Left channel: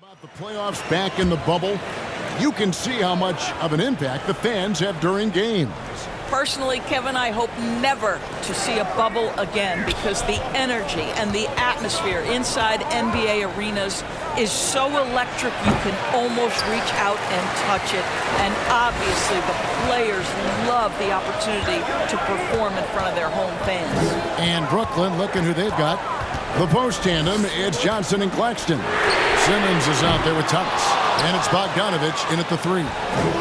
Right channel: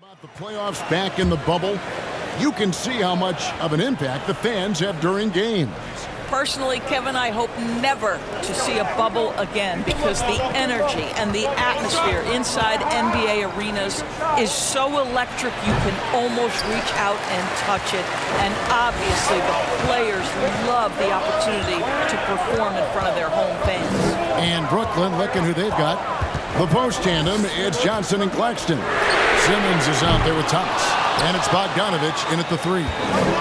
About the playoffs back in the bubble, you can see how much of an impact the fans have during games. Personally, Kevin, I hope never to see a bubble again because the energy and the atmosphere inside NBA arenas is so electric you can almost reach out and touch it. And obviously the players love the opportunity to perform in front of their home fans. And Brooklyn, looking who they've got. The post tandem, it's Johnson and Claxton. Simmons is out there with Thomas. And it's Bogdanovich in at the three.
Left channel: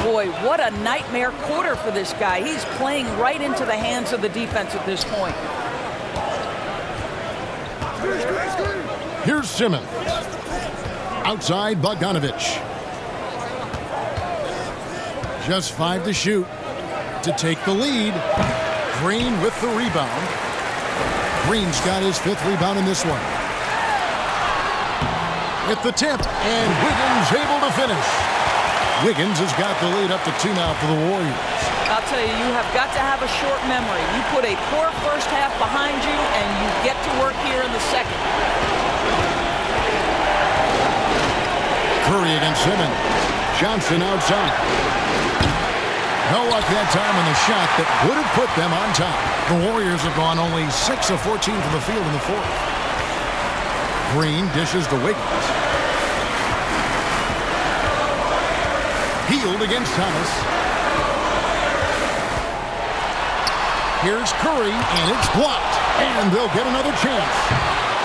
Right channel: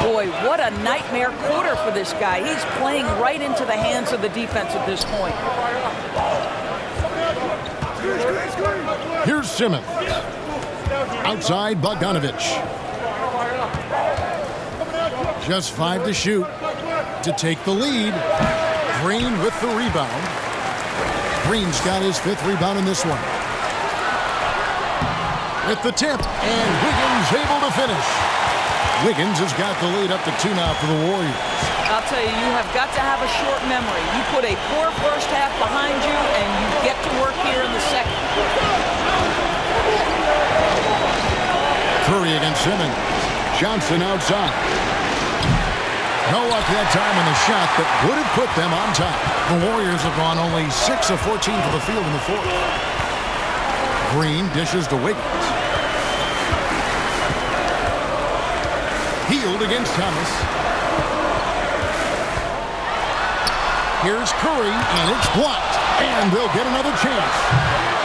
Boy, what a nightmare quarter for this guy. He's playing right into the hands of the defense at this point. Here's Simmons. Outside, Bogdanovich. Just 5 to shoot to take the lead. Green with the rebound. Green's got his 5th rebound in this one. With the tip, and Wiggins able to finish. Wiggins has got the lead up to 2 now for the Warriors. I'll tell you, you have got to have a short memory. You put a poor first half behind you, and you get to work here in the second. Curry against Simmons. Johnson outside. No luck that time on the shot that would have put them on top. The Warriors have gone only 6 of 14 for the field in the fourth. Green dishes to Wiggins. Healed against Thomas. Here's Curry, and it's blocked. And they'll get another chance.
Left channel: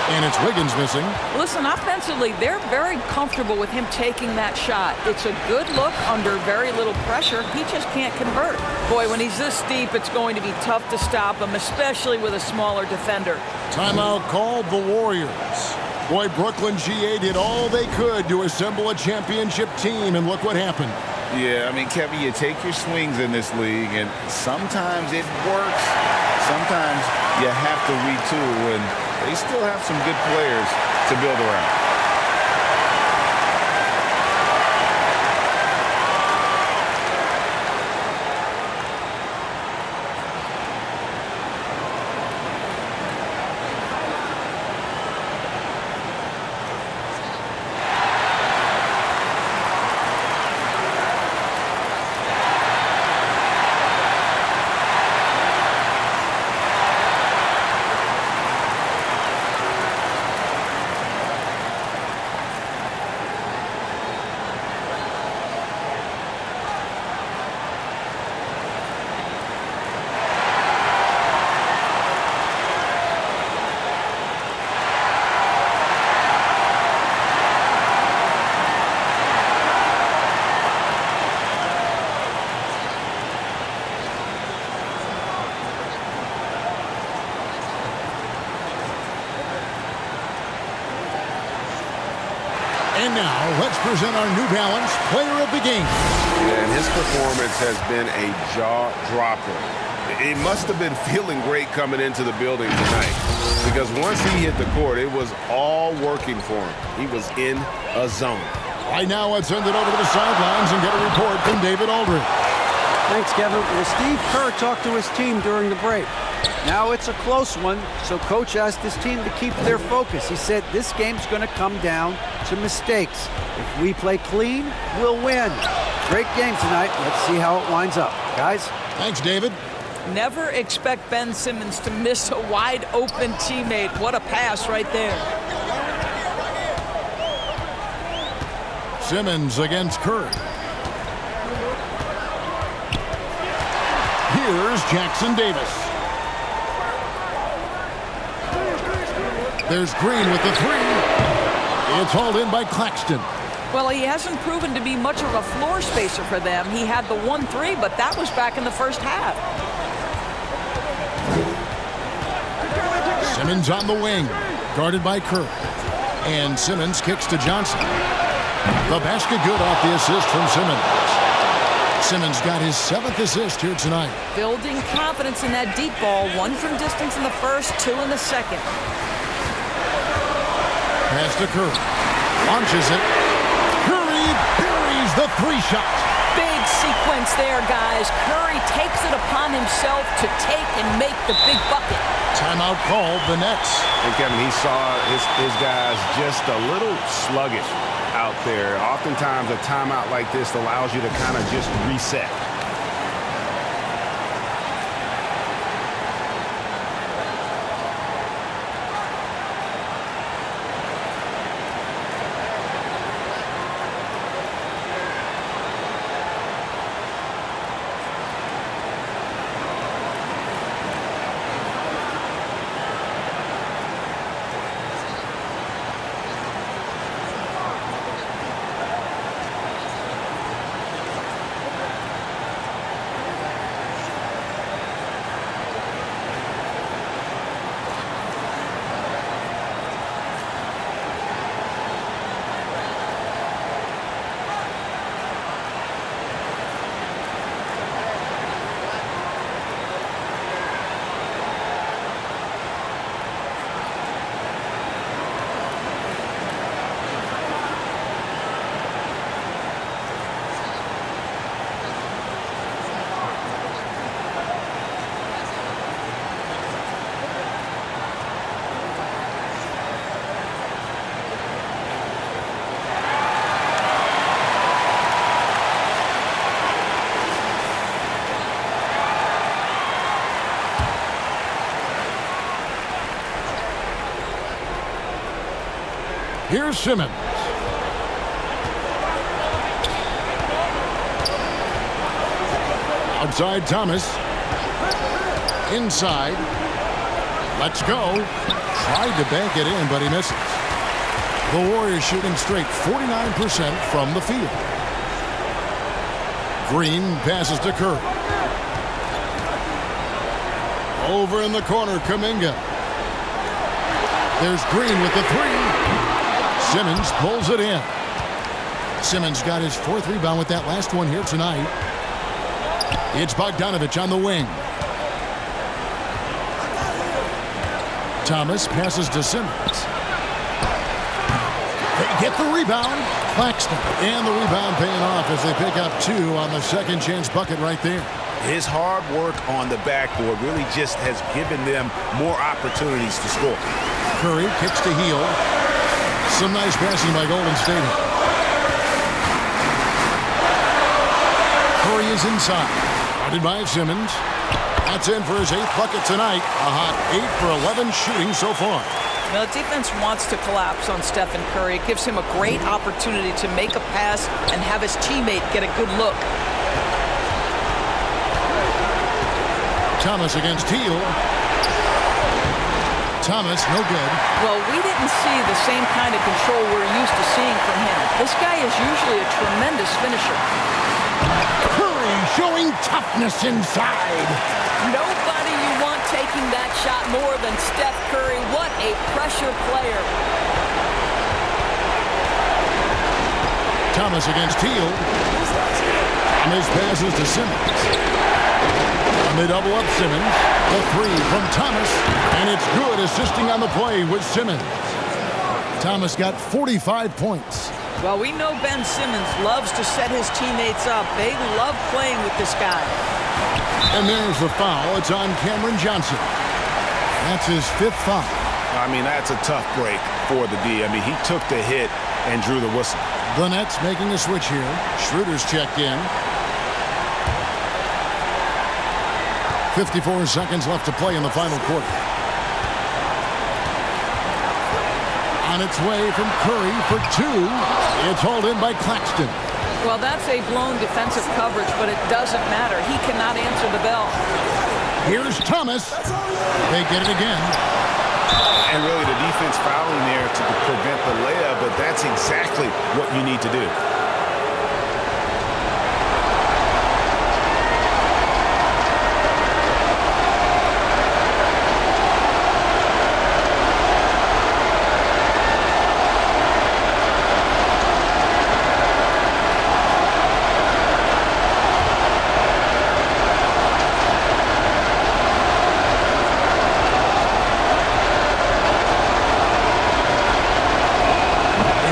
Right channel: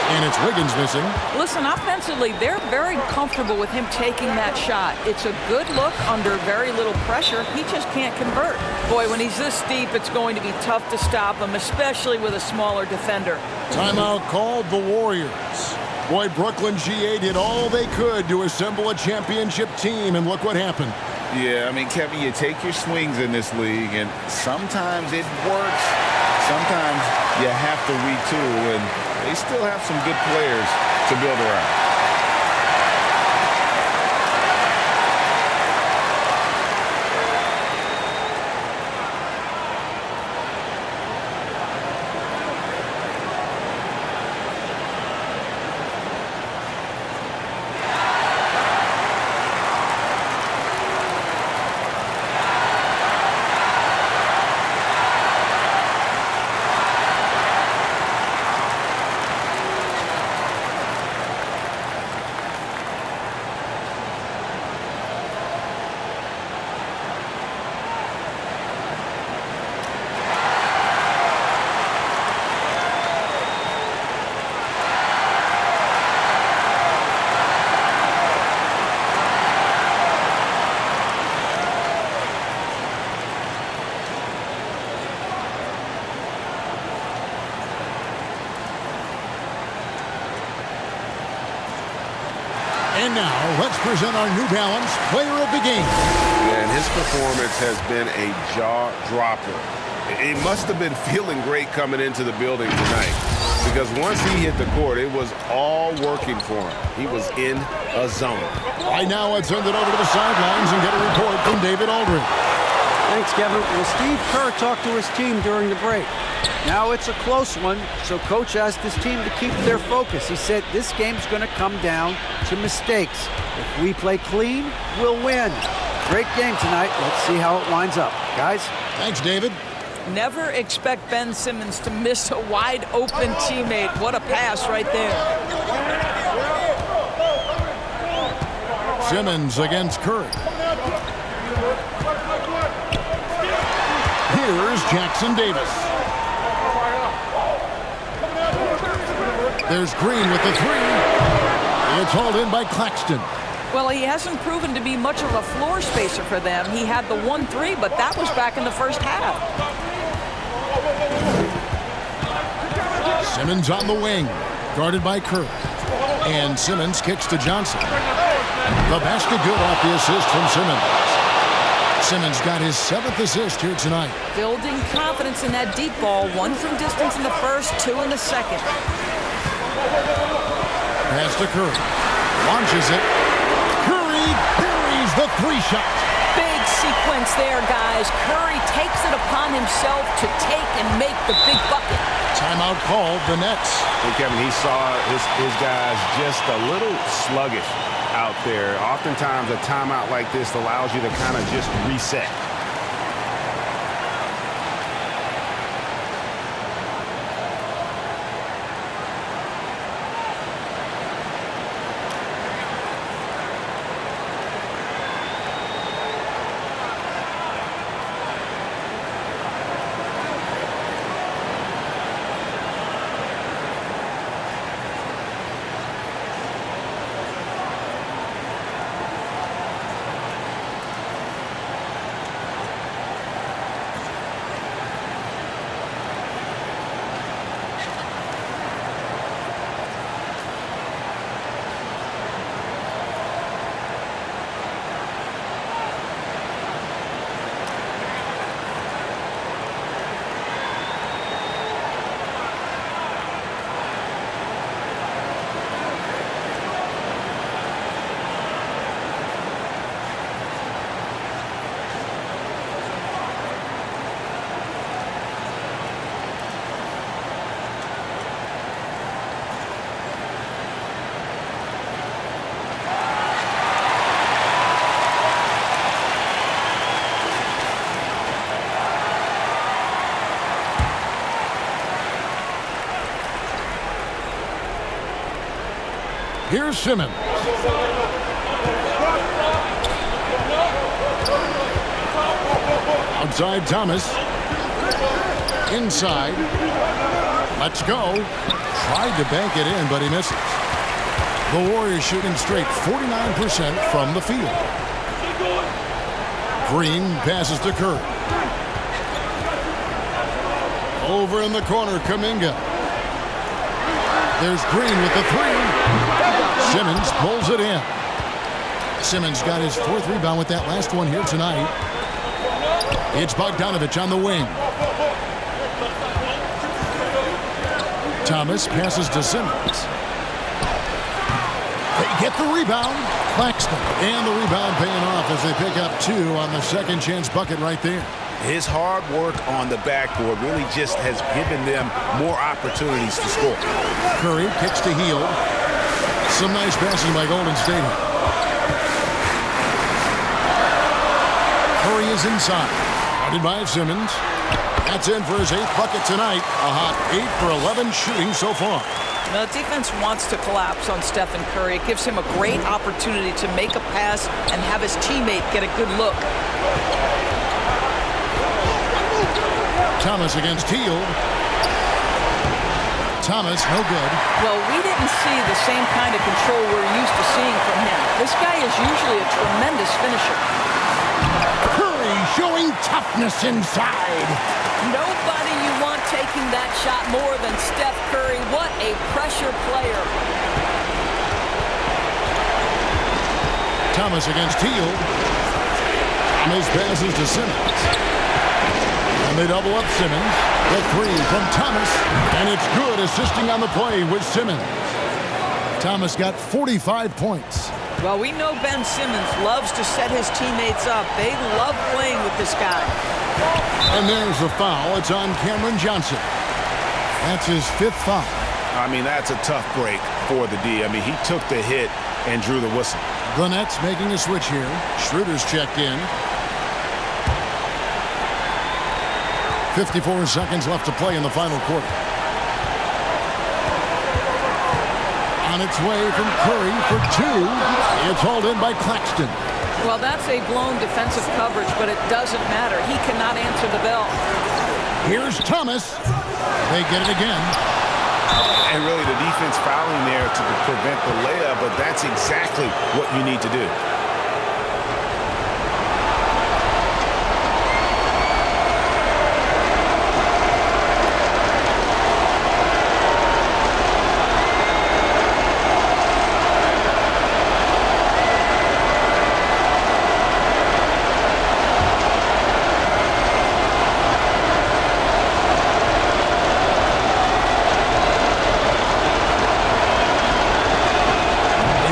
And it's Wiggins missing. Listen, offensively, they're very comfortable with him taking that shot. It's a good look under very little pressure. He just can't convert. Boy, when he's this deep, it's going to be tough to stop him, especially with a smaller defender. Timeout called the Warriors. Boy, Brooklyn GA did all they could to assemble a championship team, and look what happened. Yeah, I mean, Kevin, you take your swings in this league, and sometimes it works. Sometimes you have to retool, and they still have some good players to build around. And now, let's present our New Balance Player of the Game. And his performance has been a jaw-dropper. He must have been feeling great coming into the building tonight, because once he hit the court, it was all working for him. He was in a zone. Right now, let's send it over to the sidelines and get a report from David Aldridge. Thanks, Kevin. Well, Steve Kerr talked to his team during the break. Now it's a close one, so Coach asked his team to keep their focus. He said this game's going to come down to mistakes. If we play clean, we'll win. Great game tonight. Let's see how it winds up. Guys? Thanks, David. Never expect Ben Simmons to miss a wide-open teammate. What a pass right there. Simmons against Curry. Here's Jackson Davis. There's Green with the three. It's hauled in by Claxton. Well, he hasn't proven to be much of a floor spacer for them. He had the 1-3, but that was back in the first half. Simmons on the wing, guarded by Curry. And Simmons kicks to Johnson. The basket good off the assist from Simmons. Simmons got his 7th assist here tonight. Building confidence in that deep ball. 1 from distance in the first, 2 in the second. Pass to Curry. Launches it. Curry buries the 3 shot. Big sequence there, guys. Curry takes it upon himself to take and make the big bucket. Timeout called, the Nets. And Kevin, he saw his guys just a little sluggish out there. Oftentimes a timeout like this allows you to kind of just reset. Here's Simmons. Outside Thomas. Inside. Let's go. Tried to bank it in, but he misses. The Warriors shooting straight 49% from the field. Green passes to Curry. Over in the corner, Kuminga. There's Green with the three. Simmons pulls it in. Simmons got his fourth rebound with that last one here tonight. It's Bogdanovich on the wing. Thomas passes to Simmons. They get the rebound. Claxton. And the rebound paying off as they pick up two on the second chance bucket right there. His hard work on the backboard really just has given them more opportunities to score. Curry kicks to Hield. Some nice passing by Golden State. Curry is inside. Guarded by Simmons. That's in for his eighth bucket tonight. A hot 8 for 11 shooting so far. The defense wants to collapse on Stephen Curry. It gives him a great opportunity to make a pass and have his teammate get a good look. Thomas against Hield. Thomas, no good. Well, we didn't see the same kind of control we're used to seeing from him. This guy is usually a tremendous finisher. Curry showing toughness inside. Nobody you want taking that shot more than Steph Curry. What a pressure player. Thomas against Hield. Thomas passes to Simmons. And they double up Simmons. The three from Thomas. And it's good, assisting on the play with Simmons. Thomas got 45 points. Well, we know Ben Simmons loves to set his teammates up. They love playing with this guy. And there's the foul. It's on Cameron Johnson. That's his fifth foul. I mean, that's a tough break for the D. I mean, he took the hit and drew the whistle. The Nets making a switch here. Schroeder's checked in. 54 seconds left to play in the final quarter. On its way from Curry for two. It's hauled in by Claxton. Well, that's a blown defensive coverage, but it doesn't matter. He cannot answer the bell. Here's Thomas. They get it again. And really the defense fouling there to prevent the layup, but that's exactly what you need to do.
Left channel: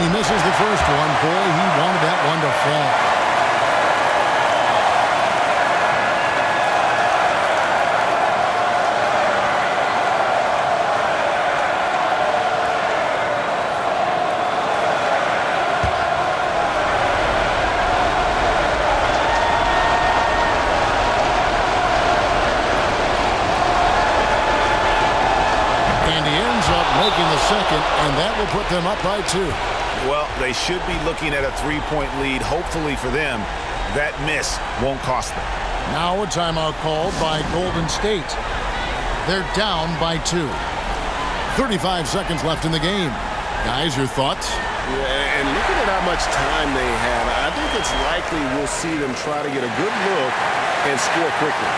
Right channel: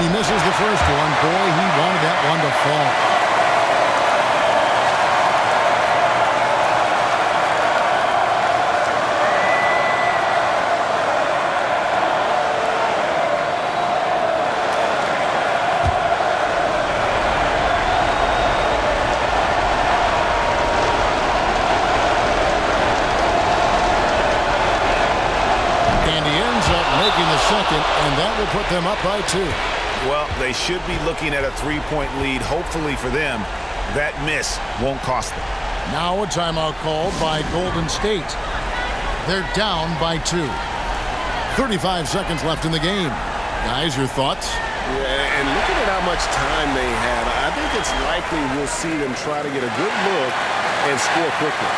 He misses the first one. Boy, he wanted that one to fall. taking the second, and that will put them up by 2. Well, they should be looking at a 3-point lead. Hopefully for them, that miss won't cost them. Now a timeout called by Golden State. They're down by 2. 35 seconds left in the game. Guys, your thoughts? Yeah, and looking at how much time they have, I think it's likely we'll see them try to get a good look and score quickly.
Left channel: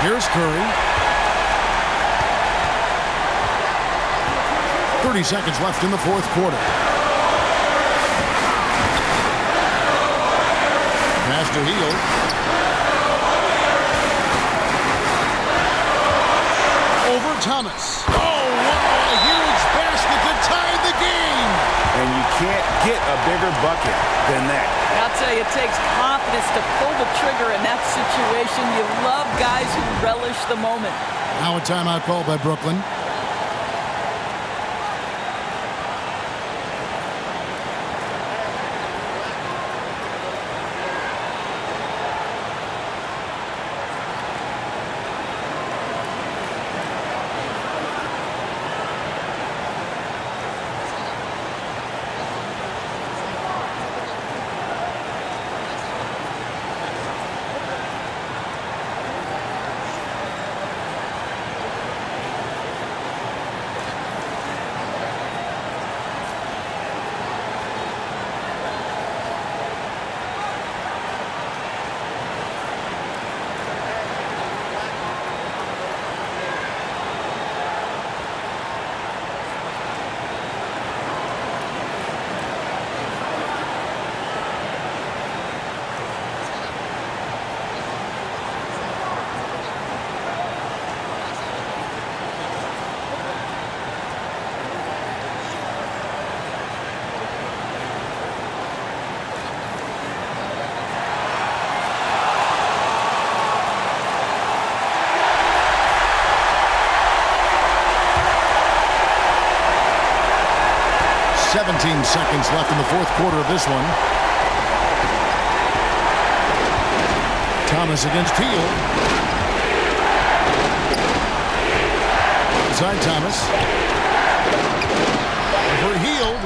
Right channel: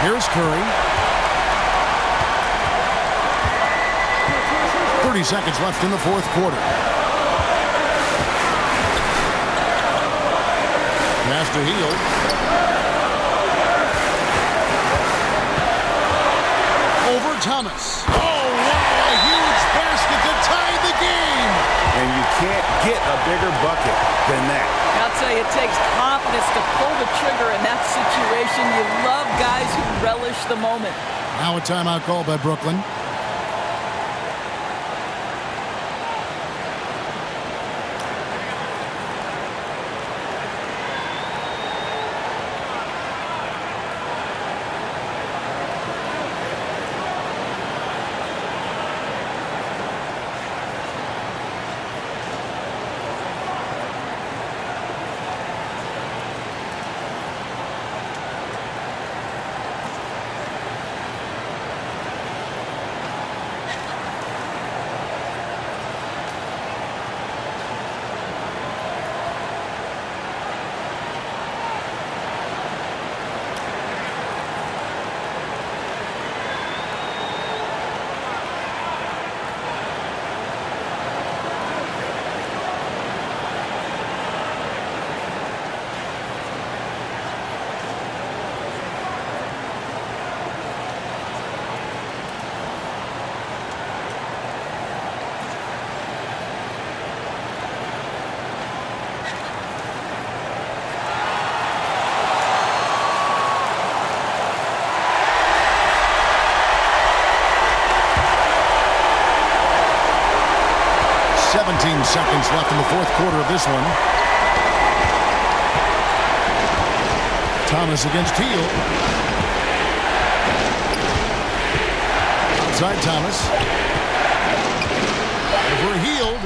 Here's Curry. 30 seconds left in the fourth quarter. Pass to Hield. Over Thomas. Oh, wow, a huge basket to tie the game. And you can't get a bigger bucket than that. I'll tell you, it takes confidence to pull the trigger in that situation. You love guys who relish the moment. Now a timeout called by Brooklyn. .17 seconds left in the fourth quarter of this one. Thomas against Hield. Outside Thomas. Over Hield.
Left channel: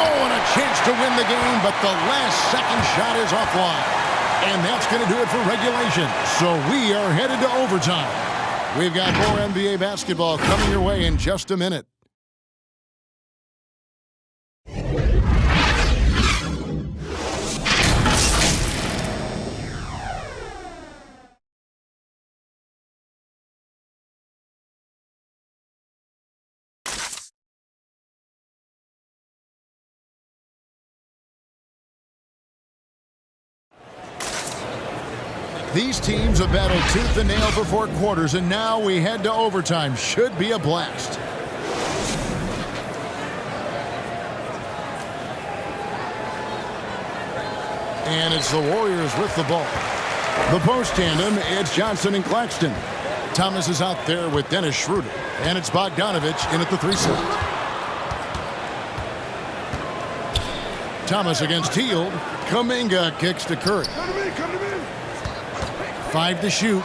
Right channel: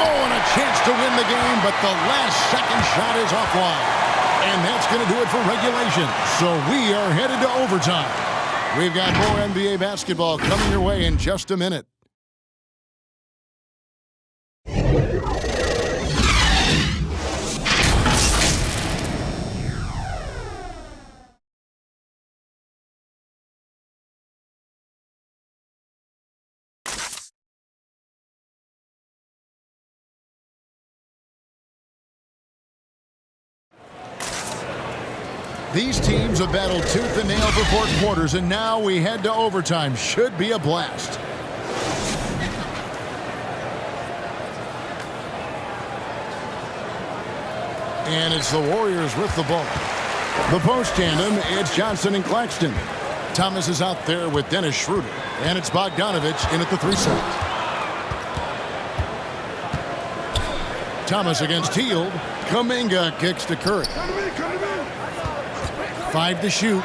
Oh, and a chance to win the game, but the last second shot is offline. And that's going to do it for regulation. So we are headed to overtime. We've got more NBA basketball coming your way in just a minute. These teams have battled tooth and nail for 4 quarters, and now we head to overtime. Should be a blast. And it's the Warriors with the ball. The post tandem, it's Johnson and Claxton. Thomas is out there with Dennis Schroeder, and it's Bogdanovich in at the 3 slot. Thomas against Hield. Kuminga kicks to Curry. 5 to shoot.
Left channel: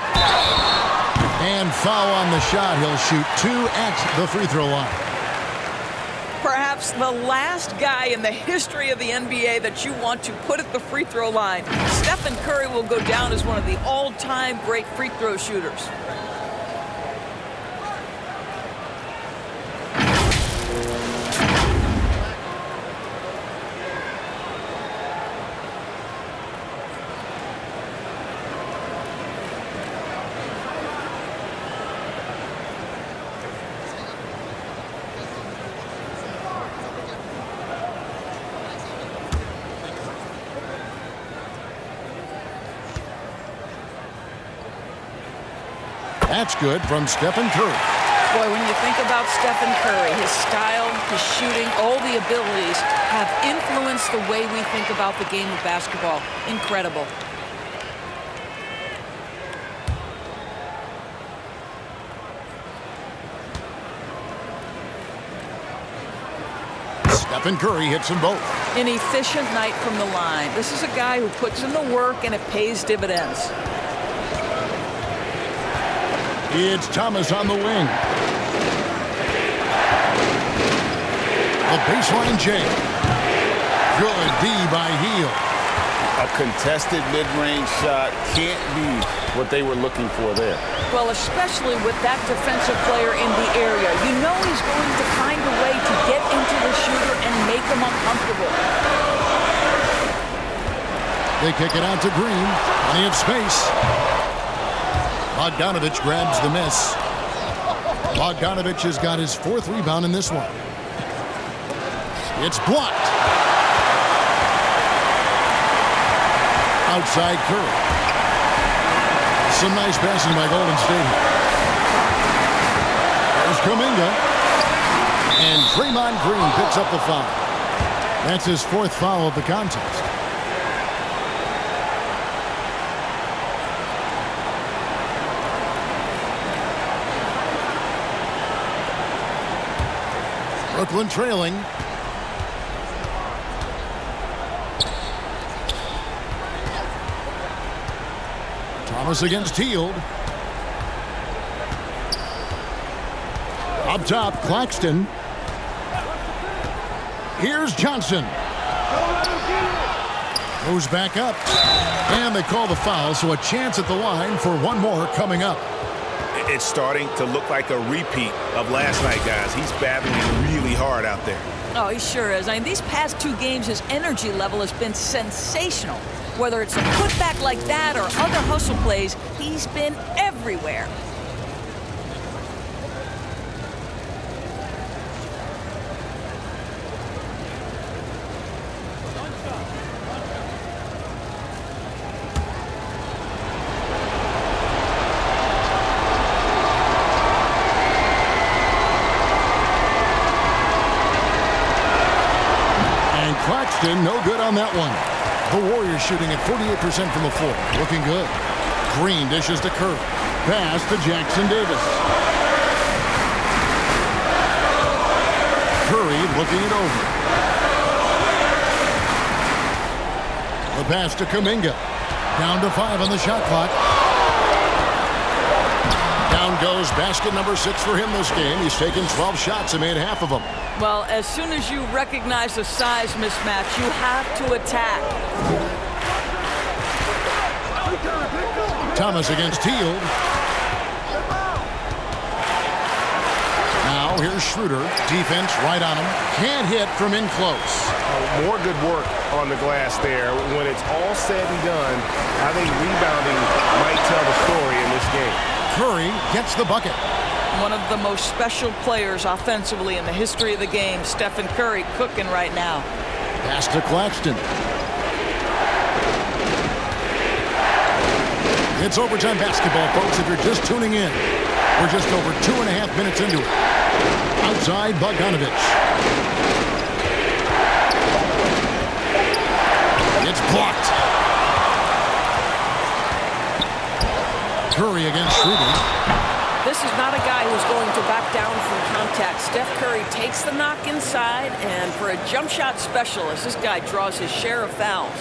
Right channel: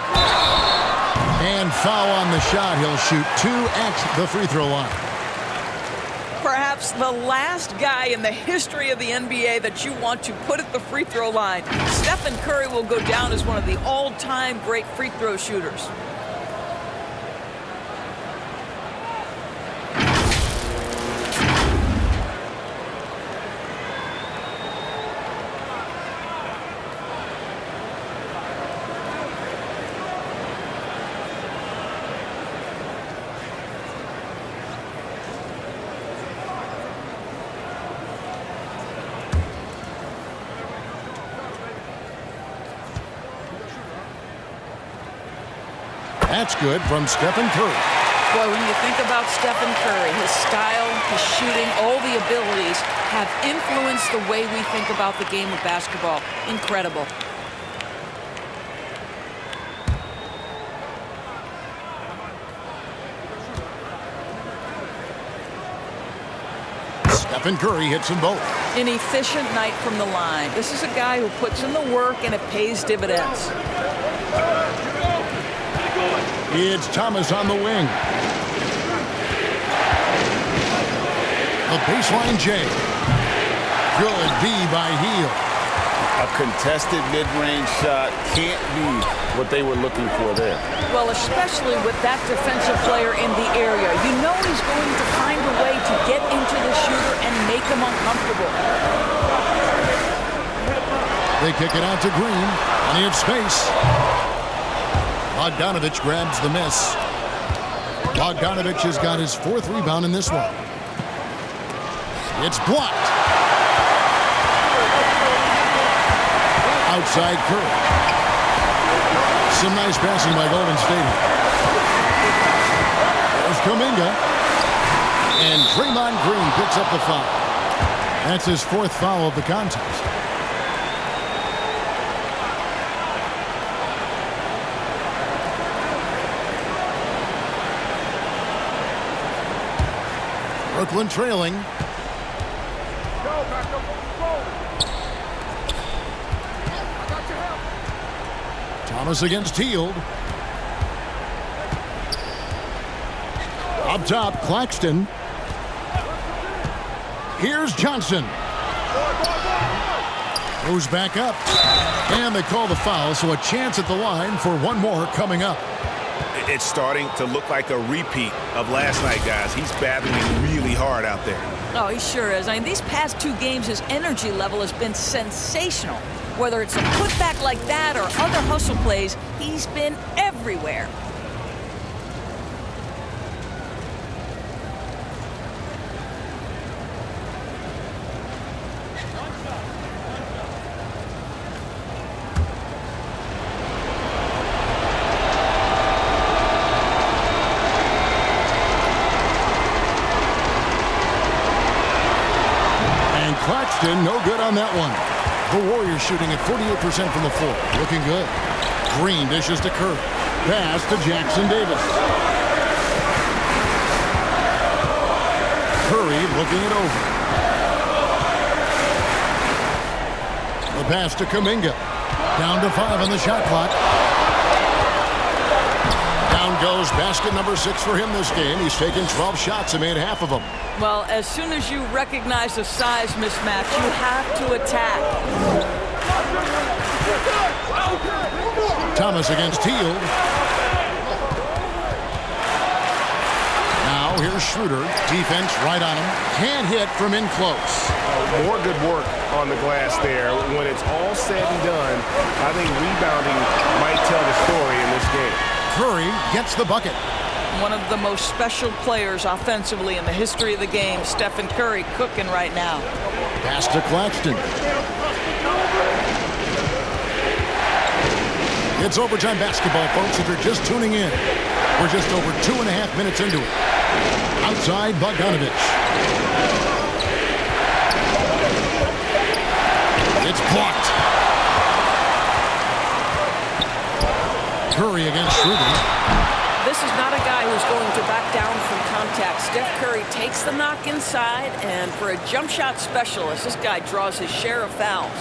And foul on the shot. He'll shoot 2 at the free throw line. Perhaps the last guy in the history of the NBA that you want to put at the free throw line. Stephen Curry will go down as one of the all-time great free throw shooters. That's good from Stephen Curry. Boy, when you think about Stephen Curry, his style, his shooting, all the abilities have influenced the way we think about the game of basketball. Incredible. Stephen Curry hits them both. An efficient night from the line. This is a guy who puts in the work and it pays dividends. It's Thomas on the wing. The baseline J. Good D by Heel. A contested mid-range shot can't be what they were looking for there. Well, especially with that defensive player in the area. You know he's going to find a way to get into the shooter and make him uncomfortable. They kick it out to Green. Plenty of space. Bogdanovich grabs the miss. Bogdanovich has got his 4th rebound in this one. It's blocked. Outside Curry. Some nice passing by Golden State here. There's Kuminga. And Draymond Green picks up the foul. That's his 4th foul of the contest. Brooklyn trailing. Thomas against Hield. Up top, Claxton. Here's Johnson. Goes back up. And they call the foul, so a chance at the line for one more coming up. It's starting to look like a repeat of last night, guys. He's battling really hard out there. Oh, he sure is. I mean, these past 2 games, his energy level has been sensational. Whether it's a putback like that or other hustle plays, he's been everywhere. And Claxton, no good on that one. The Warriors shooting at 48% from the floor. Looking good. Green dishes to Curry. Pass to Jackson Davis. Curry looking it over. The pass to Kuminga. Down to 5 on the shot clock. Down goes basket number 6 for him this game. He's taken 12 shots and made half of them. Well, as soon as you recognize the size mismatch, you have to attack. Thomas against Hield. Now here's Schroeder. Defense right on him. Can't hit from in close. More good work on the glass there. When it's all said and done, I think rebounding might tell the story in this game. Curry gets the bucket. One of the most special players offensively in the history of the game, Stephen Curry, cooking right now. Pass to Claxton. It's overtime basketball, folks, if you're just tuning in. We're just over 2.5 minutes into it. Outside, Bogdanovich. It's blocked. Curry against Schroeder. This is not a guy who's going to back down from contact. Steph Curry takes the knock inside, and for a jump shot specialist, this guy draws his share of fouls.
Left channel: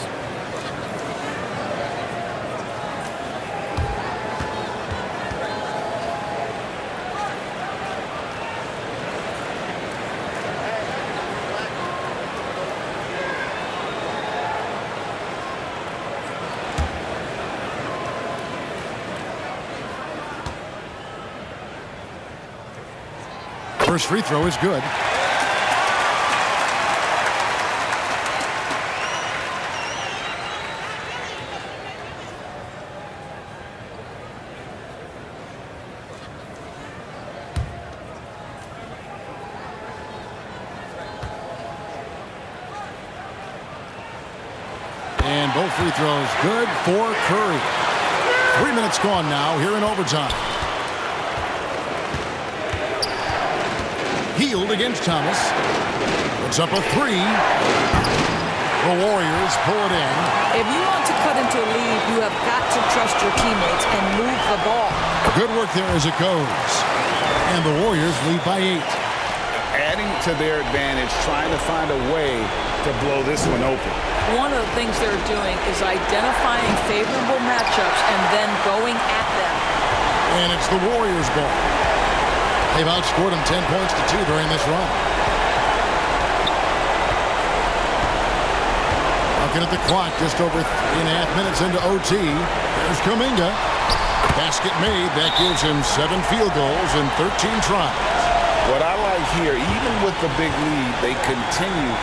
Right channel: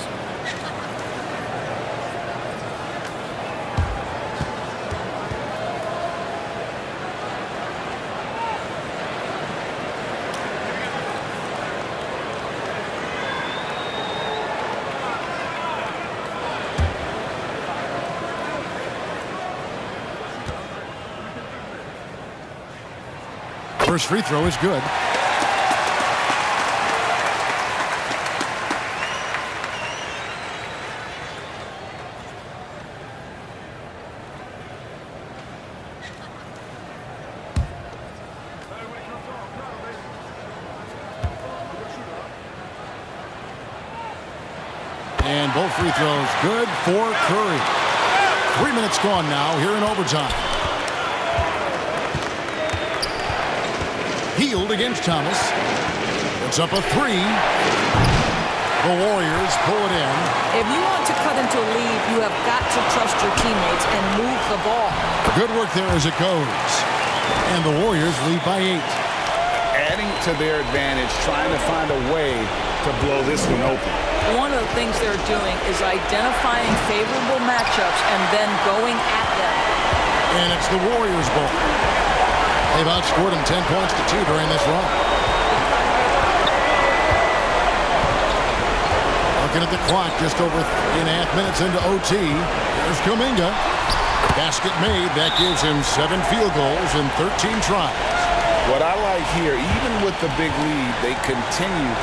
First free throw is good. And both free throws good for Curry. 3 minutes gone now here in overtime. Healed against Thomas. Puts up a three. The Warriors pull it in. If you want to cut into a lead, you have got to trust your teammates and move the ball. Good work there as it goes. And the Warriors lead by 8. Adding to their advantage, trying to find a way to blow this one open. One of the things they're doing is identifying favorable matchups and then going at them. And it's the Warriors' ball. They've outscored them 10 points to 2 during this run. Looking at the clock, just over 3.5 minutes into OT. There's Kuminga. Basket made. That gives him 7 field goals in 13 tries. What I like here, even with the big lead, they continue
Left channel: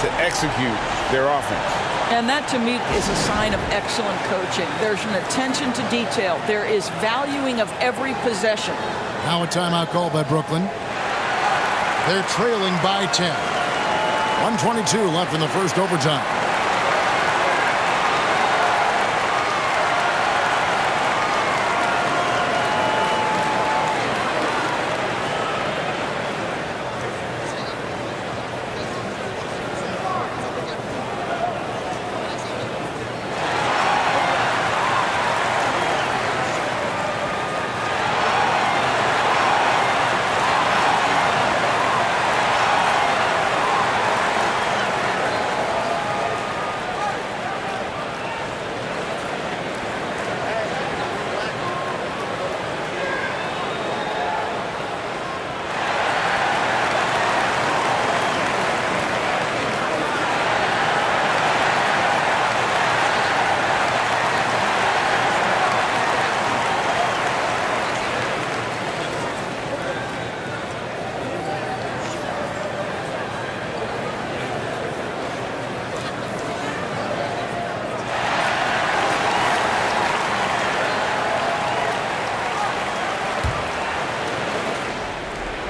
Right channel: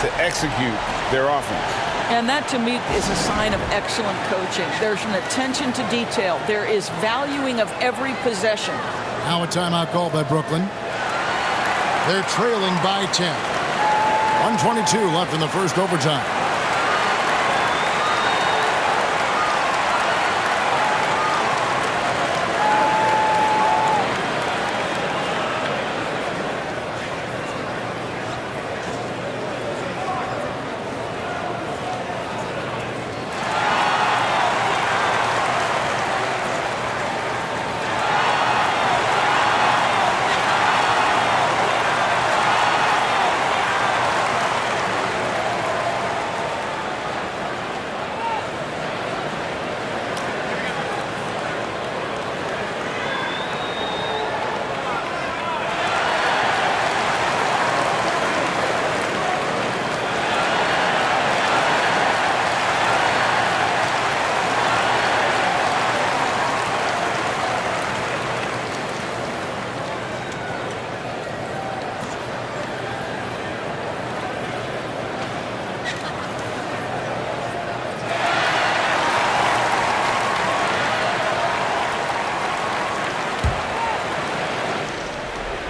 to execute their offense. And that, to me, is a sign of excellent coaching. There's an attention to detail. There is valuing of every possession. Now a timeout call by Brooklyn. They're trailing by 10. 1:22 left in the first overtime.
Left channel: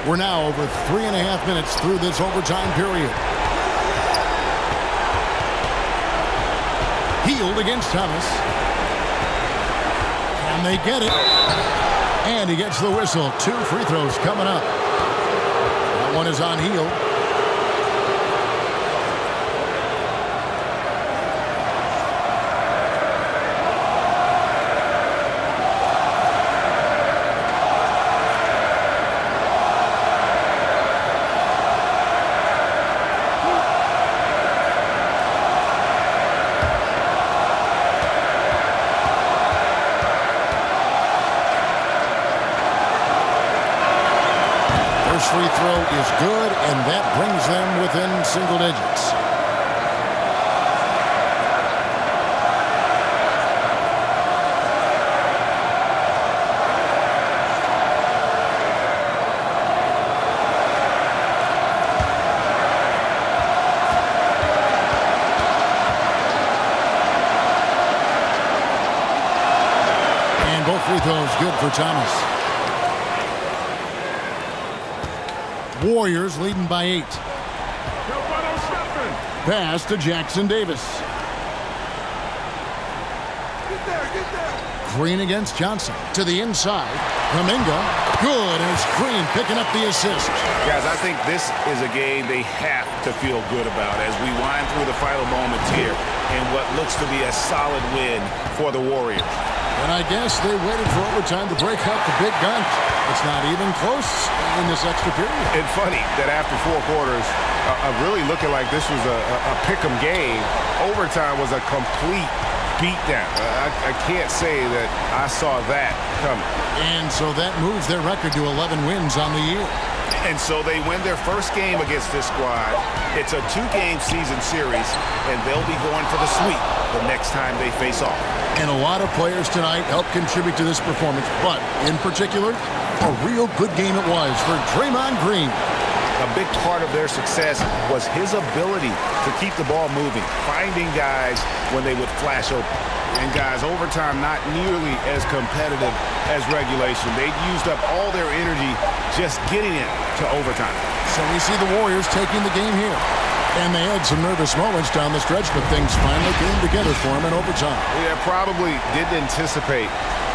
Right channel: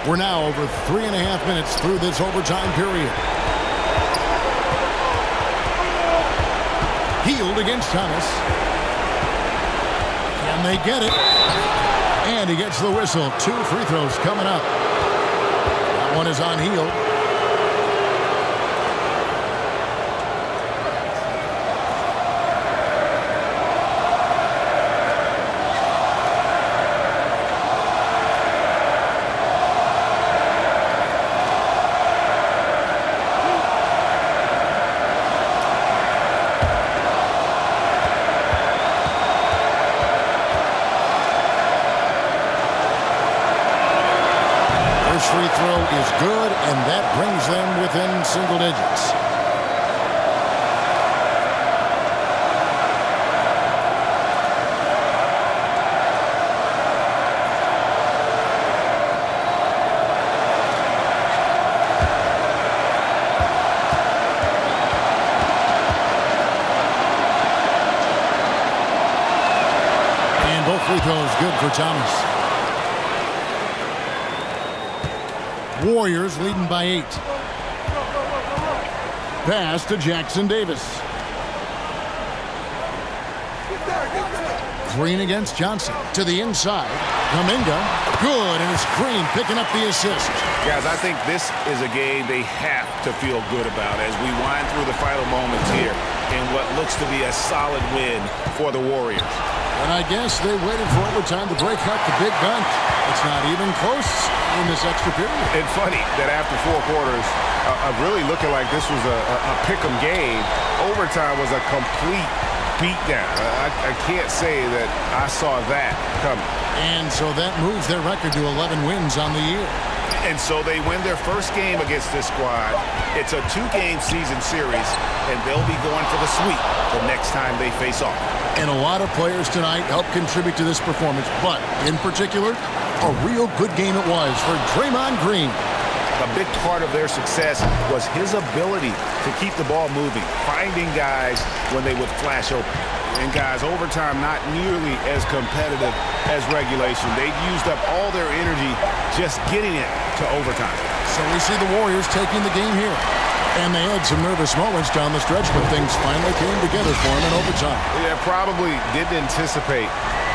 We're now over 3.5 minutes through this overtime period. Healed against Thomas. Can they get it? And he gets the whistle. 2 free throws coming up. That one is on Healed. First free throw is good, and that brings them within single digits. And both free throws good for Thomas. Warriors leading by 8. Pass to Jackson Davis. Green against Johnson. To the inside. Kuminga. Good. And it's Green picking up the assist. Guys, I think this is a game they have to feel good about as we wind through the final moments here in what looks to be a solid win for the Warriors. And I guess they waited for overtime to break out the big gun. It's not even close in this extra period. And funny that after 4 quarters of really looking like this was a pick'em game, overtime was a complete beatdown. I can't say that I saw that coming. And so that moves their record to 11 wins on the year. And so they win their first game against this squad. It's a 2-game season series, and they'll be going for the sweep the next time they face off. And a lot of players tonight help contribute to this performance, but in particular, A real good game it was for Draymond Green. A big part of their success was his ability to keep the ball moving, finding guys when they would flash open. And guys, overtime not nearly as competitive as regulation. They'd used up all their energy just getting it to overtime. So we see the Warriors taking the game here. And they had some nervous moments down the stretch, but things finally came together for them in overtime. Yeah, probably didn't anticipate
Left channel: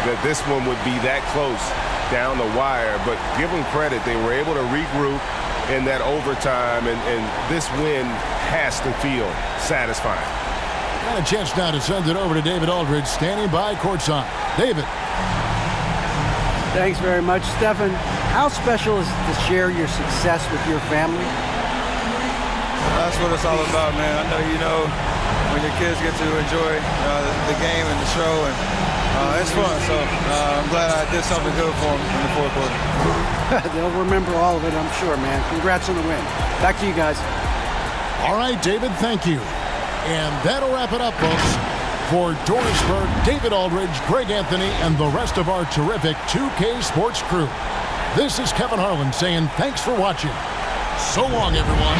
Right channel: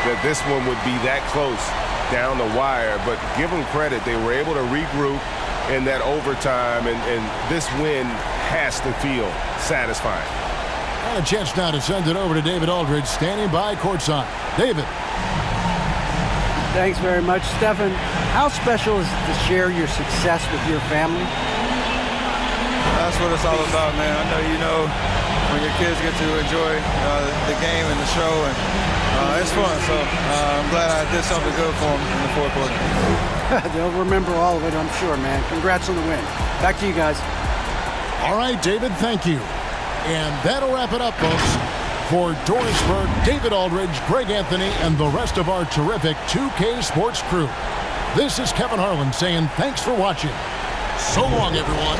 that this one would be that close down the wire, but give them credit. They were able to regroup in that overtime, and this win has to feel satisfying. And a chance now to send it over to David Aldridge, standing by courtside. David. Thanks very much, Stephen. How special is it to share your success with your family? That's what it's all about, man. I know you know when your kids get to enjoy the game and the show, and it's fun. So I'm glad I did something good for them in the fourth quarter. They'll remember all of it, I'm sure, man. Congrats on the win. Back to you guys. All right, David, thank you. And that'll wrap it up, folks. For Dorisburg, David Aldridge, Greg Anthony, and the rest of our terrific 2K Sports crew. This is Kevin Harlan saying thanks for watching. So long, everyone.